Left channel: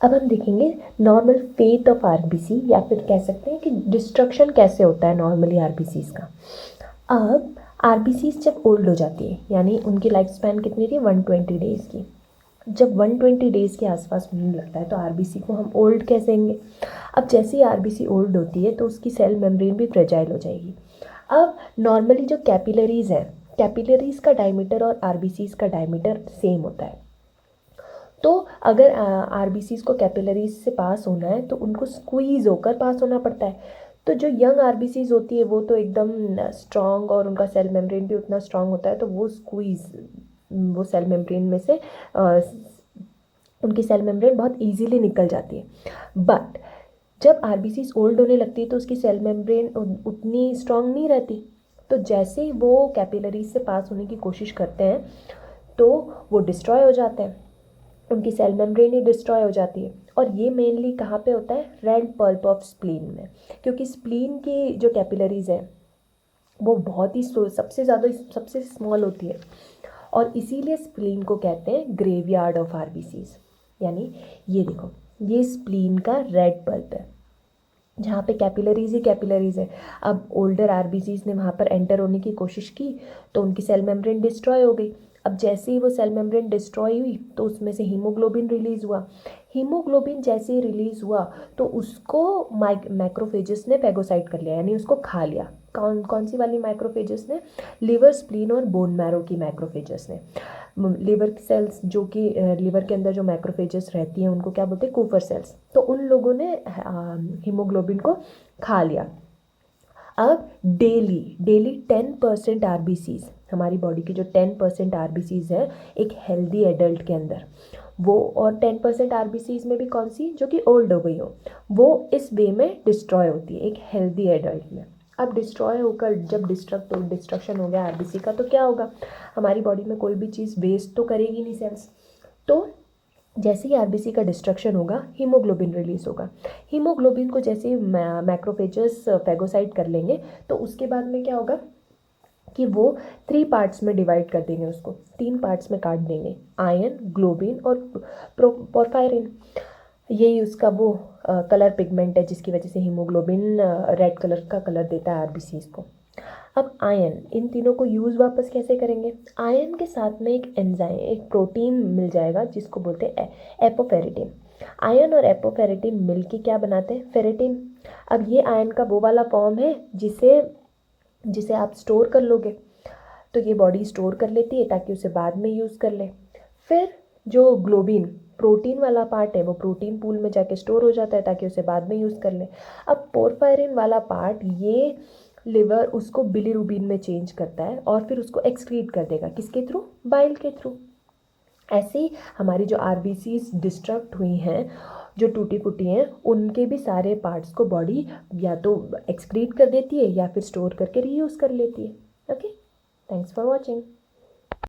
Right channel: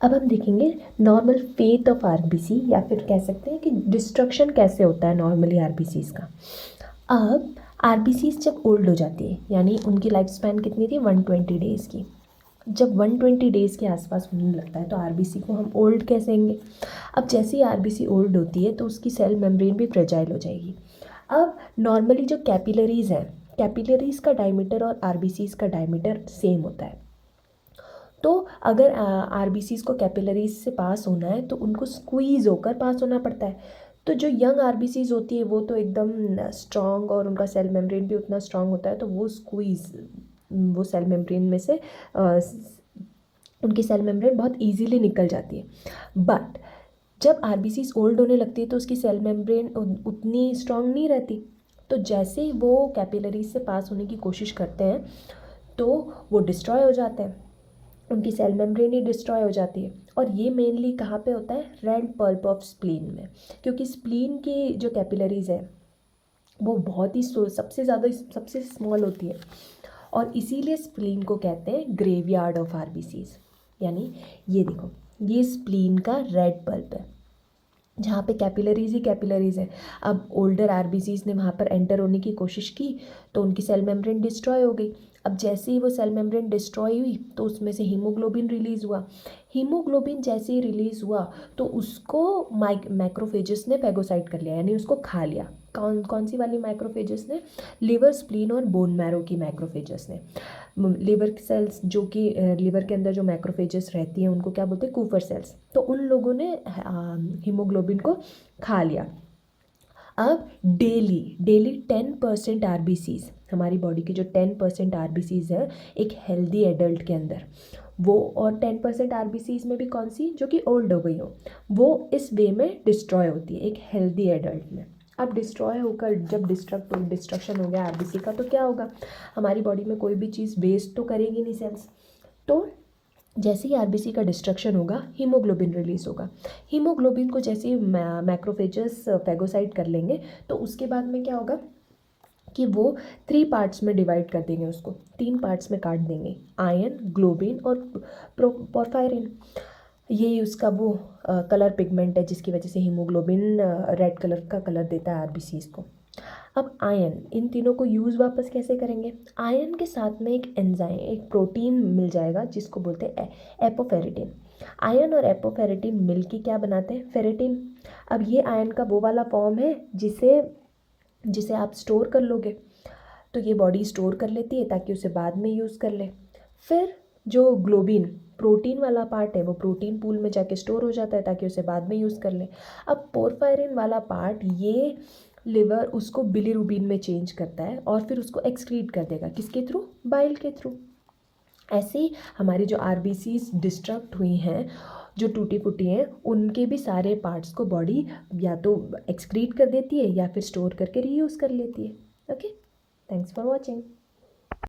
अब हम देखेंगे नॉर्मल फेथ ऑफ आरबीसी, या फिर कह सकते हैं कि डिस्ट्रक्शन कैसे होता है नॉर्मली आरबीसीज का। अब आरबीसीज जब ओल्ड हो जाती है, यानी उनकी लाइफ स्पैन कितनी थी, 120 डेज़ की। जब 120 डेज़ के आसपास होने लगता है तो आरबीसी को हम ओल्ड कहेंगे। अब जैसे ही आरबीसी ओल्ड होती है तो उसकी सेल मेम्ब्रेन भी फ्रेजाइल हो जाएगी। अब नॉर्मली जो कैपिलरीज है, कैपिलरीज का डायमीटर और आरबीसीज का डायमीटर सेम होता है। तो अगर आरबीसीज को कैपिलरीज से पास होना है तो उनको स्क्वीज़ होकर पास होना पड़ता है। तो जो यंग आरबीसीज होती है वो तो एकदम स्ट्रॉन्ग और उनका सेल मेम्ब्रेन भी उतना स्ट्रॉन्ग होता है, तो वो सेल मेम्ब्रेन में से उनकी सेल मेम्ब्रेन बहुत इजीली निकल जाती है। बट जब आरबीसीज ओल्ड होने लगती है तो उसकी सेल मेम्ब्रेन उतनी स्ट्रॉन्ग नहीं रहती। तो जैसे ही वो कैपिलरीज से पास होने की कोशिश करते हैं तो वो डिस्ट्रॉय हो जाते हैं, उनकी सेल मेम्ब्रेन ही डिस्ट्रॉय हो जाती है। और ये मेनली कहाँ पे होता है, रेड पल्प ऑफ स्प्लीन में, क्योंकि स्प्लीन की जो कैपिलरीज है वो बहुत ही सबसे ज़्यादा सबसे स्मॉल होती है, और इसीलिए स्प्लीन को कहते हैं ग्रेवयार्ड ऑफ आरबीसीज। यानी ये देखो, ये स्प्लीन का रेड पल्प है जहाँ पे कैपिलरीज ही कैपिलरीज है। अब ओल्डर आरबीसीज ने वहाँ पर एंटर होने की कोशिश की तो उनकी सेल मेम्ब्रेन डिस्ट्रॉय हो गई। अब जैसे ही वो सेल मेम्ब्रेन डिस्ट्रॉय हुई तो उसमें से हीमोग्लोबिन रिलीज़ हुआ। हीमोग्लोबिन जैसे ही रिलीज़ हुआ तो उसको मैक्रोफेजेस ने फेगोसाइट कर लिया, यानी उसको खा लिया। कौन कौन सी वाली मैक्रोफेजेस ने, लिवर, स्प्लीन और बोन मैरो की मैक्रोफेजेस ने। लिवर सेल्स जो कि लिवर के अंदर जो मैक्रोफेजेस रहती हैं उनको क्या बोलते हैं, कूफर सेल्स। तो उन लोगों ने हीमोग्लोबिन को खा लिया। अब डेली डेली 10% आरबीसीज, हमारी बॉडी की जो 10% आरबीसीज है एक हेल्दी एडल्ट के अंदर, वो, और 10% आरबीसीज में भी कौन सी, जो कि ओल्ड हो गई हो, वो इस वे में डिस्ट्रॉय होती है एक हेल्दी एडल्ट में। अब डिस्ट्रॉय होकर जब डिस्ट्रक्शन हो गया आरबीसी का तो क्या होगा, हमारी बॉडी में कोई भी चीज़ वेस्ट तो करेगी नहीं सेल्स। तो जैसे ही आरबीसी का डिस्ट्रक्शन होगा हीमोग्लोबिन रिलीज होगा। हीमोग्लोबिन को जैसे ही मैक्रोफेजेस फेगोसाइट कर लेंगे तो उसके बाद में क्या होगा कि वो 3 पार्ट्स में डिवाइड कर देंगे, उसको 3 पार्ट्स में काट देंगे, आयन, ग्लोबिन और पोरफायरिन। यही उसका वो कलर पिगमेंट है जिसकी वजह से हीमोग्लोबिन रेड कलर का कलर देता है आरबीसीज को। अब आयन, इन तीनों को यूज़ वापस कैसे करेंगे, आयन के साथ में एक एंजाइम, एक प्रोटीन मिल जाएगा जिसको बोलते हैं एपोफेरेटिन। आयन और एपोफेरेटिन मिलके क्या बनाते हैं, फेरेटिन। अब ये आयन का वो वाला फॉर्म है जिसे जिसे आप स्टोर कर लोगे, तो ये बॉडी स्टोर कर लेती है ताकि उसे बाद में यूज़ कर ले। फिर जो ग्लोबिन प्रोटीन वाला पार्ट है वो प्रोटीन पूल में जाके स्टोर हो जाता है ताकि उसे बाद में यूज़ कर ले। अब पोरफायरिन वाला पार्ट, ये लिवर उसको बिलीरुबिन में चेंज करता है और फिर उसको एक्सक्रीट कर देगा, किसके थ्रू, बाइल के थ्रू। ऐसे ही हमारी जो आरबीसीज डिस्ट्रक्ट हुई हैं, जो टूटी फूटी हैं, उनके भी सारे पार्ट्स को बॉडी या तो एक्सक्रीट कर देती है या फिर स्टोर करके रीयूज़ कर लेती है। Okay, thanks for watching.